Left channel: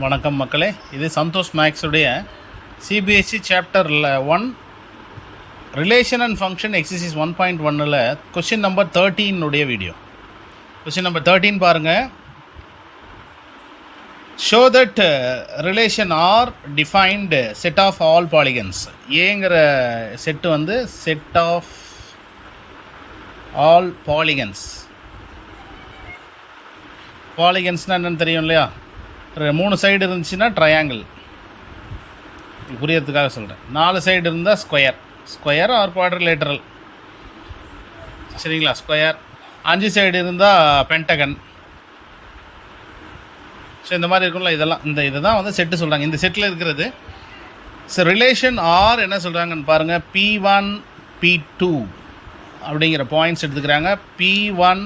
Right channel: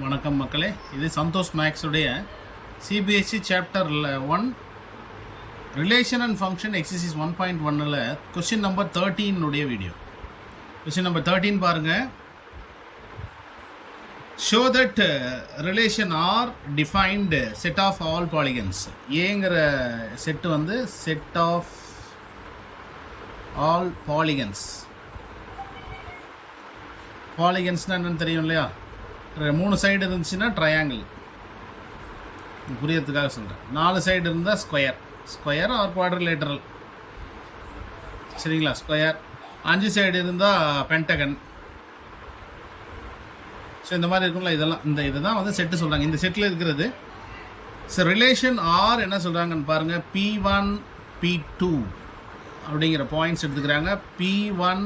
வணக்கம் மக்களே, இது சந்தோஷ் மேக்ஸுடைய CBSE chapter 1 relation and function exercise 1.1ல் question number 13 video. Question number 13 பாருங்கள். Show that relation R defined set of all polygons. ஏங்கிற செட்டு வந்து செட் ஆஃப் ஆல் பாலிகன்ஸ். பாலிகன்ஸ்னால் என்னென்னு தெரியும் இல்லையா? 3 சைடு இருந்துச்சுன்னா ட்ரையாங்கிள், புரியறதுக்காக சொல்கிறேன். 4 சைடு இருந்தால் ஸ்கொயர் ஆர் குவாட்ரிலேட்டரல், சரிங்களா? ஸ்கொயர். 5 சைடு இருந்தால் பென்டகன். ஸோ இந்த மாதிரி இருக்கும்ல, இதை தான் வந்து செட்டு சொல்கிறாங்க. இந்த செட்டில் இருக்கிறது ஸோ ரிலேஷன் ஆர் என்ன சொல்கிறாங்கன்னு பாருங்கள். P1 P2 அப்படிங்கிற பாயிண்ட்ஸ் எடுத்துக்கிறாங்க. P1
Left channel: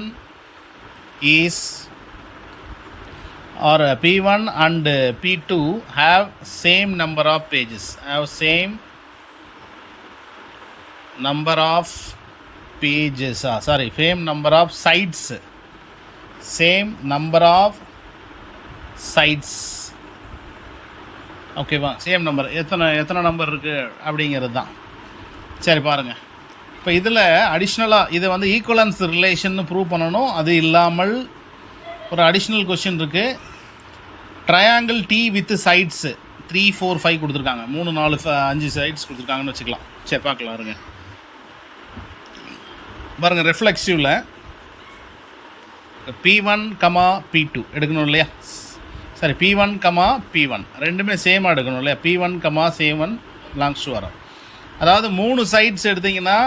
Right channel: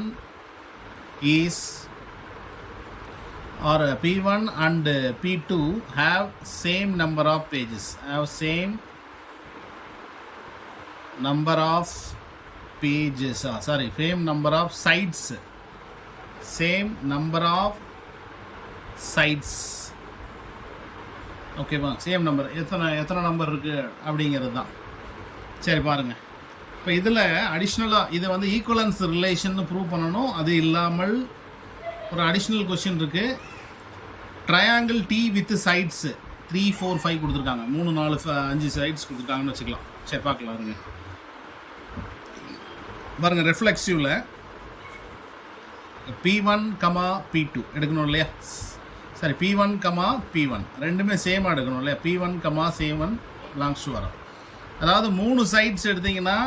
is or P1 and P2 have same number of pages, same number of sides, ஓகேவா? Same number. எத்தனை நம்பர் இருக்குது அப்படிங்கிறது தான். சரி பாருங்கள். இப்போ இதில் அடிஷ்னலாக இதை வந்து ஈக்குவலன்ஸ் ரிலேஷன் ப்ரூவ் பண்ணணும். அது இல்லாமல் ஒரு அடிஷ்னல் கொஸ்டின் இருக்குது. ட்ரையாங்கிள் டி வித் சைட்ஸ் 3, 4, 5 கொடுத்துருக்காங்க. 3, 4, 5 சைட்ஸ் கொடுத்துருக்காங்கன்னு வச்சுக்கலாம். சரி பார்க்கலாம். பாருங்கள் ரெஃப்ளெக்சிவில் P1, P2 எடுக்கணும் இல்லையா? சரி, P1, P1 ரெண்டுமே சேமாக எடுக்கணும் இல்லையா? P1, C1 பிலாங்ஸ் டு வரும். அதாவது 3 சைட்ஸ் எடுத்திங்கன்னா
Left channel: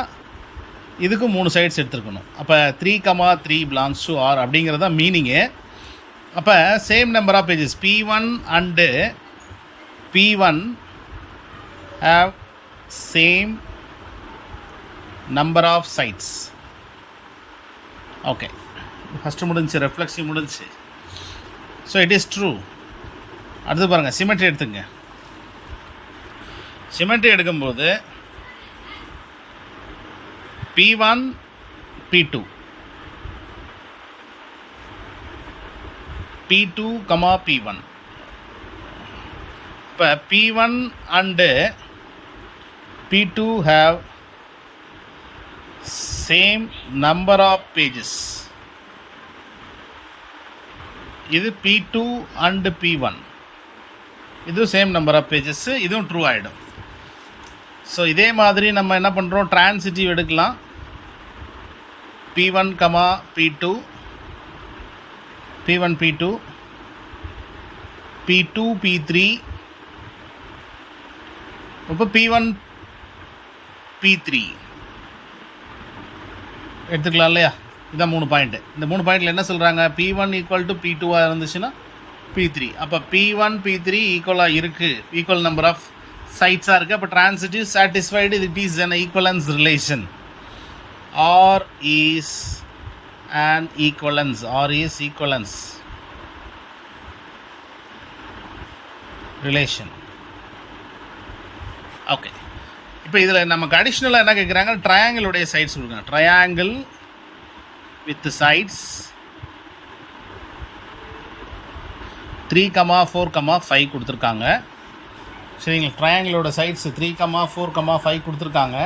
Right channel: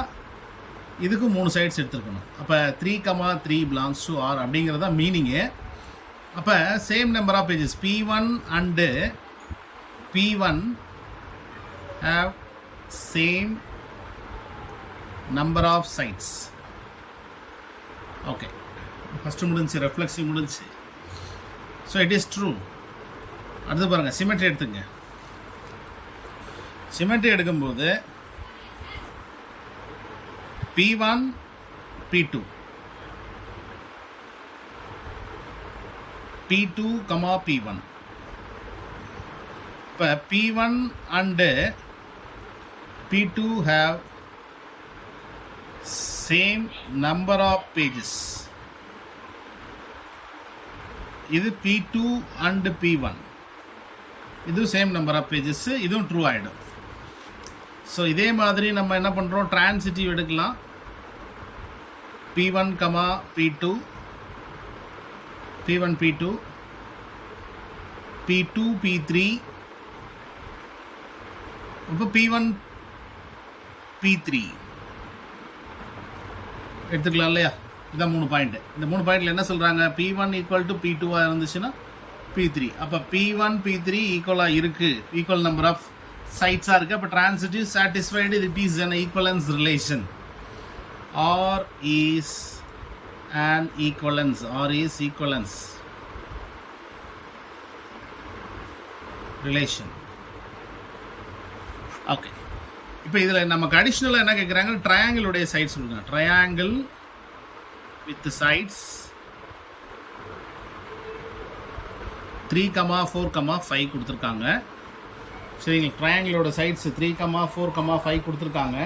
இதுக்கும் 3 சைட்ஸ் எடுத்துருக்கணும். அப்போ 3, 3 பிலாங்ஸ் டு ஆர் அப்படிங்கிறது தான் மீனிங்கு. அப்போ same number of pages P1 and P1 have same number of sides. Okay, first முடிஞ்சு, ரெஃப்ளெக்ஸிவ் முடிஞ்சு. So it is true. அடுத்து பாருங்கள், சிமெட்ரி எடுத்துங்க. சிமெட்ரி எடுக்கும்போது P1 P2 P2, P1. இப்போ P1 and P2 have same number of pages. இது P2 and P1, இது same number of pages. இதுவும் ட்ரூ ஆகிடும். ஸோ இதே மாதிரி நம்ம என்ன பண்ணுறோம், ட்ரான்சிட்டிவ் எடுக்கலாம். P1, P2, P1 P2, P2 P3, இப்போ P1 P3 எடுத்துக்கலாம் இல்லையா? இதான் 3 பாயிண்ட்டு. இந்த 3 பாயிண்டில் என்ன சொல்கிறாங்க? P1 ஈக்குவல் டு P2 இருந்துச்சுன்னா P3. அப்போ P1 P3 ஈக்குவலாக இருக்குது, ஈக்குவல் நம்பர் ஆஃப் சைட்ஸாக இருக்குது. அப்போ transitive satisfied. It is an equivalence relation. R is an equivalence. R is equivalence relation. Okay, இப்போ இதில் நமக்கு அடிஷ்னலாக என்ன கேட்குறாங்க? ட்ரையாங்கிளுடைய சைட்ஸ் கொடுக்குறாங்க. ட்ரையாங்கிள் வித் சைட்ஸ் 3, 4, 5 கொடுத்துருக்காங்க. சரிங்களா? ட்ரையாங்கிளோட சைட்ஸ் 3, 4, 5 கொடுத்துருக்காங்க.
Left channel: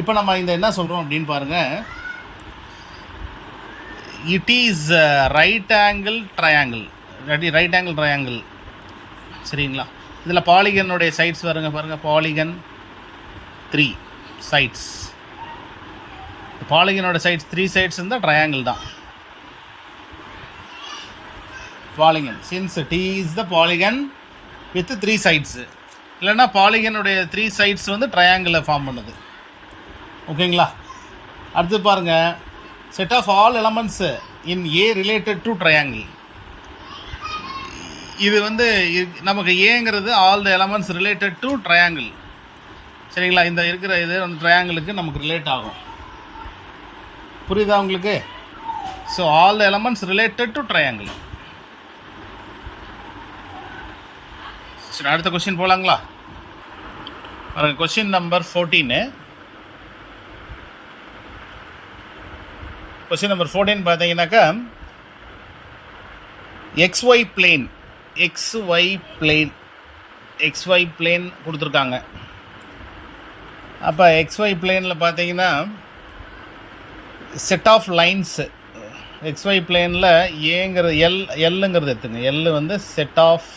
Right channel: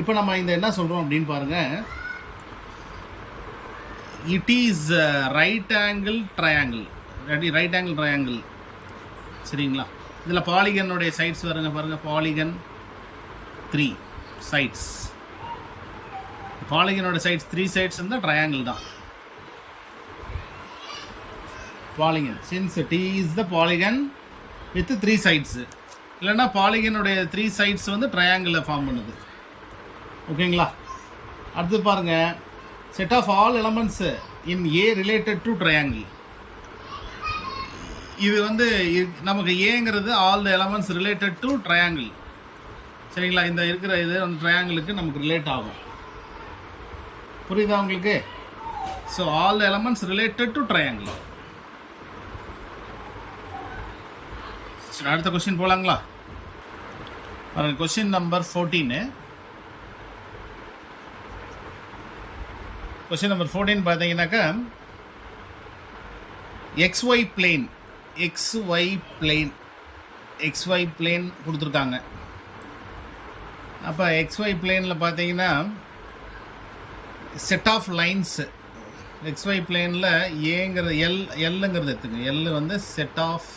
இப்போ நம்ம இந்த என்ன சொல்கிறோம் அப்படின்னு பாருங்கள். It is right angle triangle. சரிங்களா? இதில் பாலிகனுடைய சைட்ஸ் பாருங்கள். Polygon 3 sides. பாலிகனோட சைட்ஸ் 3 சைட்ஸ் இருந்தால் ட்ரையாங்கிள் தான் polygon. Since T is the polygon with 3 sides. இல்லைன்னா பாலிகனுடைய 3 சைட்ஸ் வந்து ட்ரையாங்கிளை ஃபார்ம் பண்ணுது. ஓகேங்களா? அடுத்து பாருங்கள், set of all elements in A related to triangle. இது வந்து நமக்கு ஏங்கிறது all the elements related to triangle. சரிங்களா? இந்த இருக்கிற இது அந்த ட்ரையாங்கிளுக்கு நமக்கு ரிலேட் ஆகும். புரியுதா உங்களுக்கு? So all the elements related to triangle. சரி, அடுத்த கொஸ்டின் போகலாங்களா? Question number 14. கொஸ்டின் நம்பர் 14 பார்த்தீங்கன்னாக்கா XY plane XY பிளேன் கொடுத்துருக்காங்க. அப்போ XY பிளேனில் பார்த்தீங்கன்னா செட் ஆஃப் லைன்ஸு XY பிளேனில் ஏங்கிறது எல்லுங்கிறது எடுத்துங்க. எல் வந்து செட் ஆஃப்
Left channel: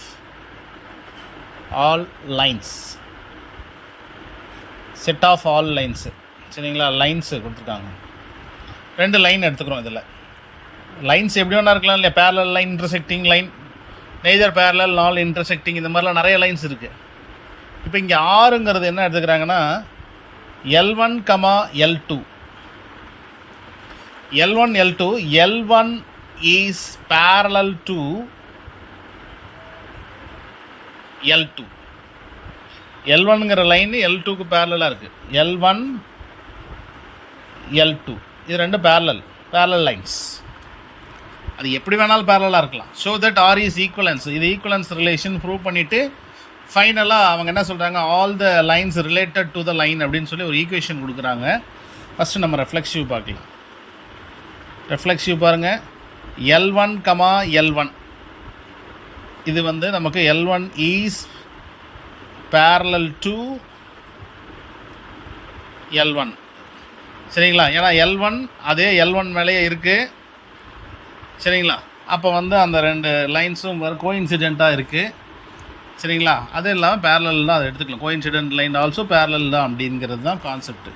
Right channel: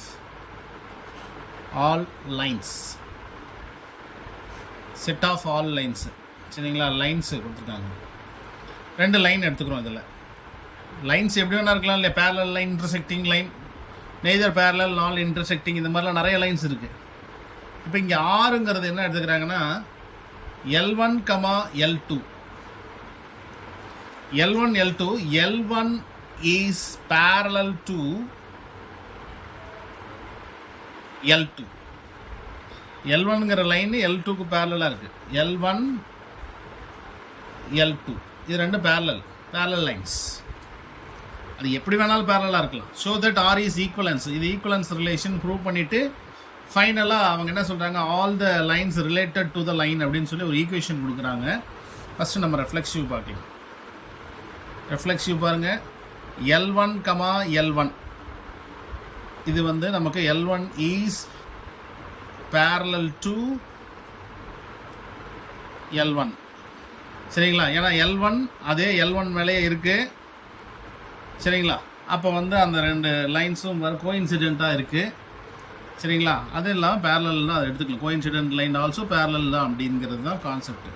ஆல் லைன்ஸு சரிங்களா. லைன்ஸு கொடுத்துருக்காங்க. 2 லைன் எடுத்துக்கிறோம். இதில் லைன்ஸ் எப்படி வேணா இருக்கலாம் இல்லையா. Parallel line, intersecting line, neither parallel nor intersecting, இந்த மாதிரிலாம் நிறைய லைன்ஸ் இருக்குது. இப்போ இங்கே ஆறுங்கிறது என்ன எடுத்துக்கிறாங்கன்னா L1, L2. L1 is parallel to L2. L1ங்கிற லைன் L2க்கு பேரலாக இருக்குது. L1, L2 இது 2 பேரலல் லைன்ஸ். அது எப்படி வேணாலும் பேரலாக இருக்கலாம். So that R is equivalence. இது ஈக்குவலன்ஸ் ரிலேஷன் ப்ரூவ் பண்ணிவிட்டு ஃபைனலாக அவங்க என்ன சொல்கிறாங்க, all the lines related to the line அப்படின்னு சொல்லி ஒரு ஈக்குவேஷன் கொடுக்குறாங்க. ஃபஸ்ட்டு நம்ம ரெஃப்ளெக்சிவ் பார்க்கலாம். ரெஃப்ளெக்சிவ் பாருங்கள். L1, L1 இது வந்து நமக்கு L1 is parallel to L1 சரிங்களா. ஏன்னா L1 அதே L1 மேலேயே இருக்குது சரிங்களா. அப்போ வந்து அந்த 2 லைன்ஸும் கோஇன்சிடெண்ட்டாக இருக்குது சரிங்களா. அது இல்லாமல் பேரலல் தான் அதை எடுத்துக்கலாம். கோஇன்சிடென்ட் லைன் ஆல்சோ பேரலல் தான் அப்படிங்கிறது தான் கான்செப்ட்.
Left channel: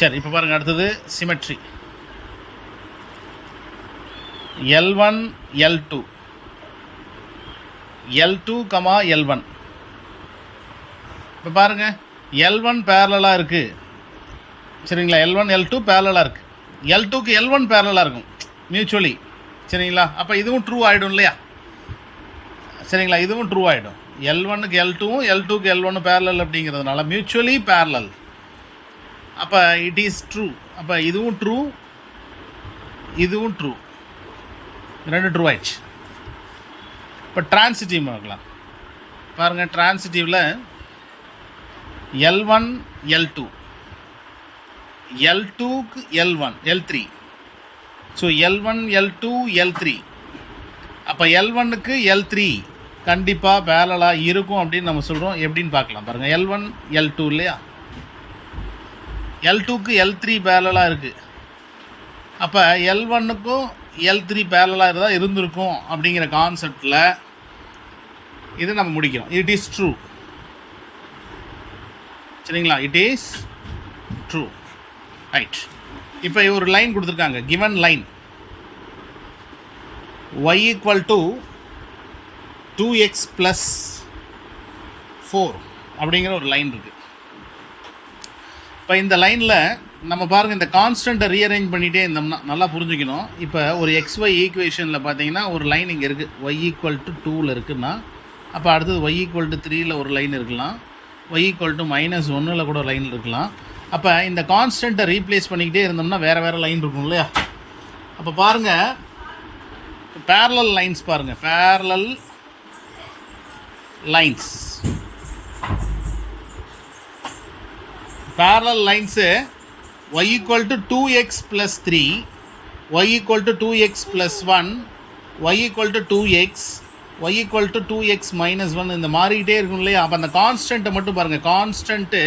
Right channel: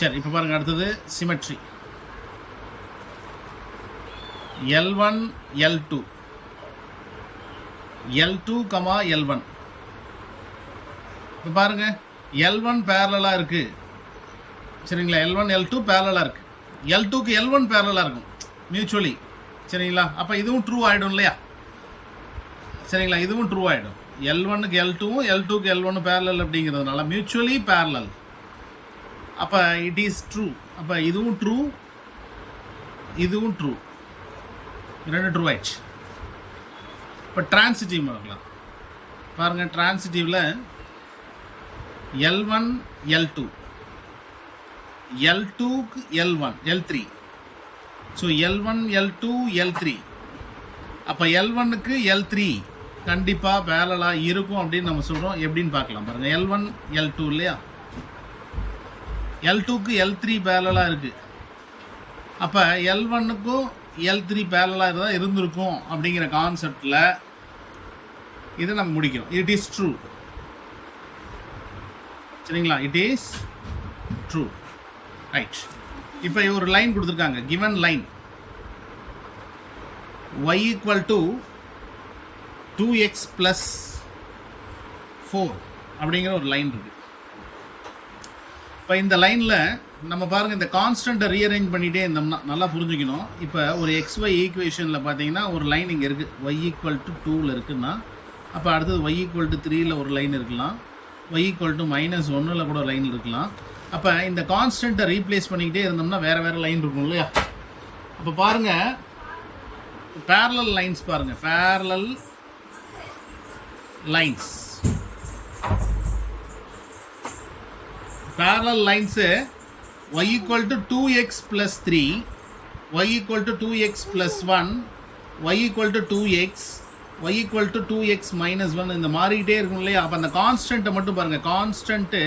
சரி, இப்போ பாருங்கள். அடுத்தது சிமெட்ரி. L1, L2 L1. இப்போ பாருங்கள், L1 பேரலாக இருக்குது சரிங்களா. L1, L2 பேரலாக இருக்குது. L2க்கு L1 பேரலாக இருக்கும் மியூச்சுவலி சரிங்களா. அப்போ இதுவும் ட்ரூ ஆகிடும் இல்லையா சரிங்களா. இதுவும் ட்ரூ ஆகிடும். L1க்கு L2வும் L2க்கு L1 பேரலல் அப்படிங்கிறதுனால மியூச்சுவலி பேரலல். அப்போ இட் இஸ் ட்ரூ. அப்போ இதுவும் ட்ரூ, இதுவும் ட்ரூ, 2 ட்ரூ ஆயிடுச்சு. இப்போ ட்ரான்சிட்டிவ் பார்க்கலாம். பாருங்கள், ட்ரான்சிட்டிவில் L1, L2 L2க்கு L1 L3. So L1, L2, L3. அப்போ L1க்கு L3 கண்டிப்பாக பேரலாக இருக்கும் அப்படின்னு நம்ம சொல்கிறோம். எப்படின்னு பார்க்கலாம். பாருங்கள், L1, L2 இல்லையா. L2க்கு L3 பேரலாக இருக்குது. அப்போ L1க்கும் L3 பேரலாக இருந்தால் இருந்திருக்கும் அப்படிங்கிற கான்செப்டில் இதை நம்ம முடிக்கிறோம். இட் இஸ் ட்ரூ சரிங்களா. It is true right. இப்போ ஒரு லைன் கொடுத்துருக்காங்க. Given line y equal to 2x plus 4 அப்படிங்கிற ஒரு லைன் இருக்குது. இப்போ இந்த லைனில் நம்ம பாருங்கள், இந்த கான்ஸ்டண்ட்டை ரீஅரேஞ்ச் பண்ணிகிட்டே இருந்தோம்னா நல்லா புரிஞ்சுக்கணும். இப்போ ஒரு XY ஈக்குவேஷனில் பார்த்தீங்கன்னா ஒரு லைன் இங்கே இருக்குது. y equal to 2ல் இருக்குன்னா அப்போ அடுத்தது y equal to 3ல் ஒரு லைன் இருக்கலாம். y equal to -1ல் கூட ஒரு லைன் இருக்கலாம். அப்போ இந்த கான்ஸ்டண்ட்டை ரீப்ளேஸ் பண்ணிக்கிட்டே இருந்தோம்னா வேறு லைன் இருக்கும் இல்லையா. அப்போ பாருங்கள், பேரலல் லைன்ஸ் பாருங்கள். Parallel lines y equal to 2x plus 3, y equal to 2x plus 1, y equal to 2x, y equal to 2x minus 1 இந்த மாறிக்கிட்டே இருக்கும் இல்லையா. அப்போ அந்த கான்ஸ்டண்ட்டை மட்டும் பாருங்கள். கான்ஸ்டண்ட்டு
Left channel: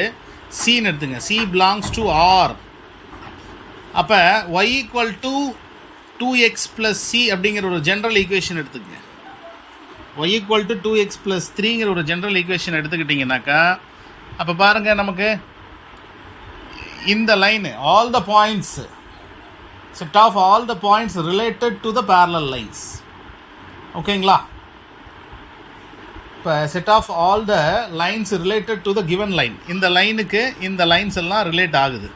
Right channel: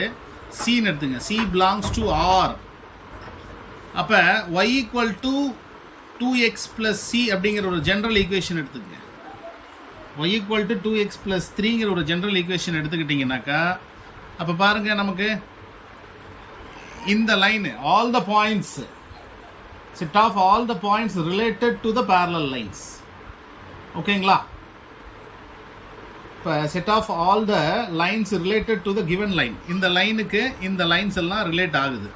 சின்னு எடுத்துங்க. C belongs to R. அப்போ y equal to 2x plus c அப்படிங்கிற ஒரு ஜென்ரல் ஈக்குவேஷன் எடுத்துக்கங்க. y equal to 2x plus 3ங்கிற ஒரு ஜென்ரல் ஈக்குவேஷன் எடுத்துக்கிட்டிங்கனாக்கா அப்போ பாருங்கள், நமக்கு இந்த line all the points, set of all the points related to the parallel lines. ஓகேங்களா. இப்போ set of all the lines related to the given line. இந்த லைனுக்கு இந்த லைன்ஸ் எல்லாம் ரிலேட் ஆகுது.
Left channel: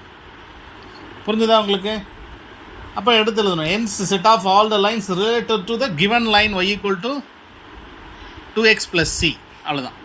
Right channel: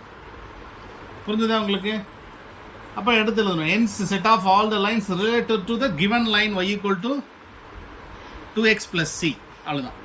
புரிஞ்சுதா உங்களுக்கு? அப்போ எடுத்து எழுதணும். hence set of all the lines related to the given line y equal to 2x plus c. அவ்வளோதான்.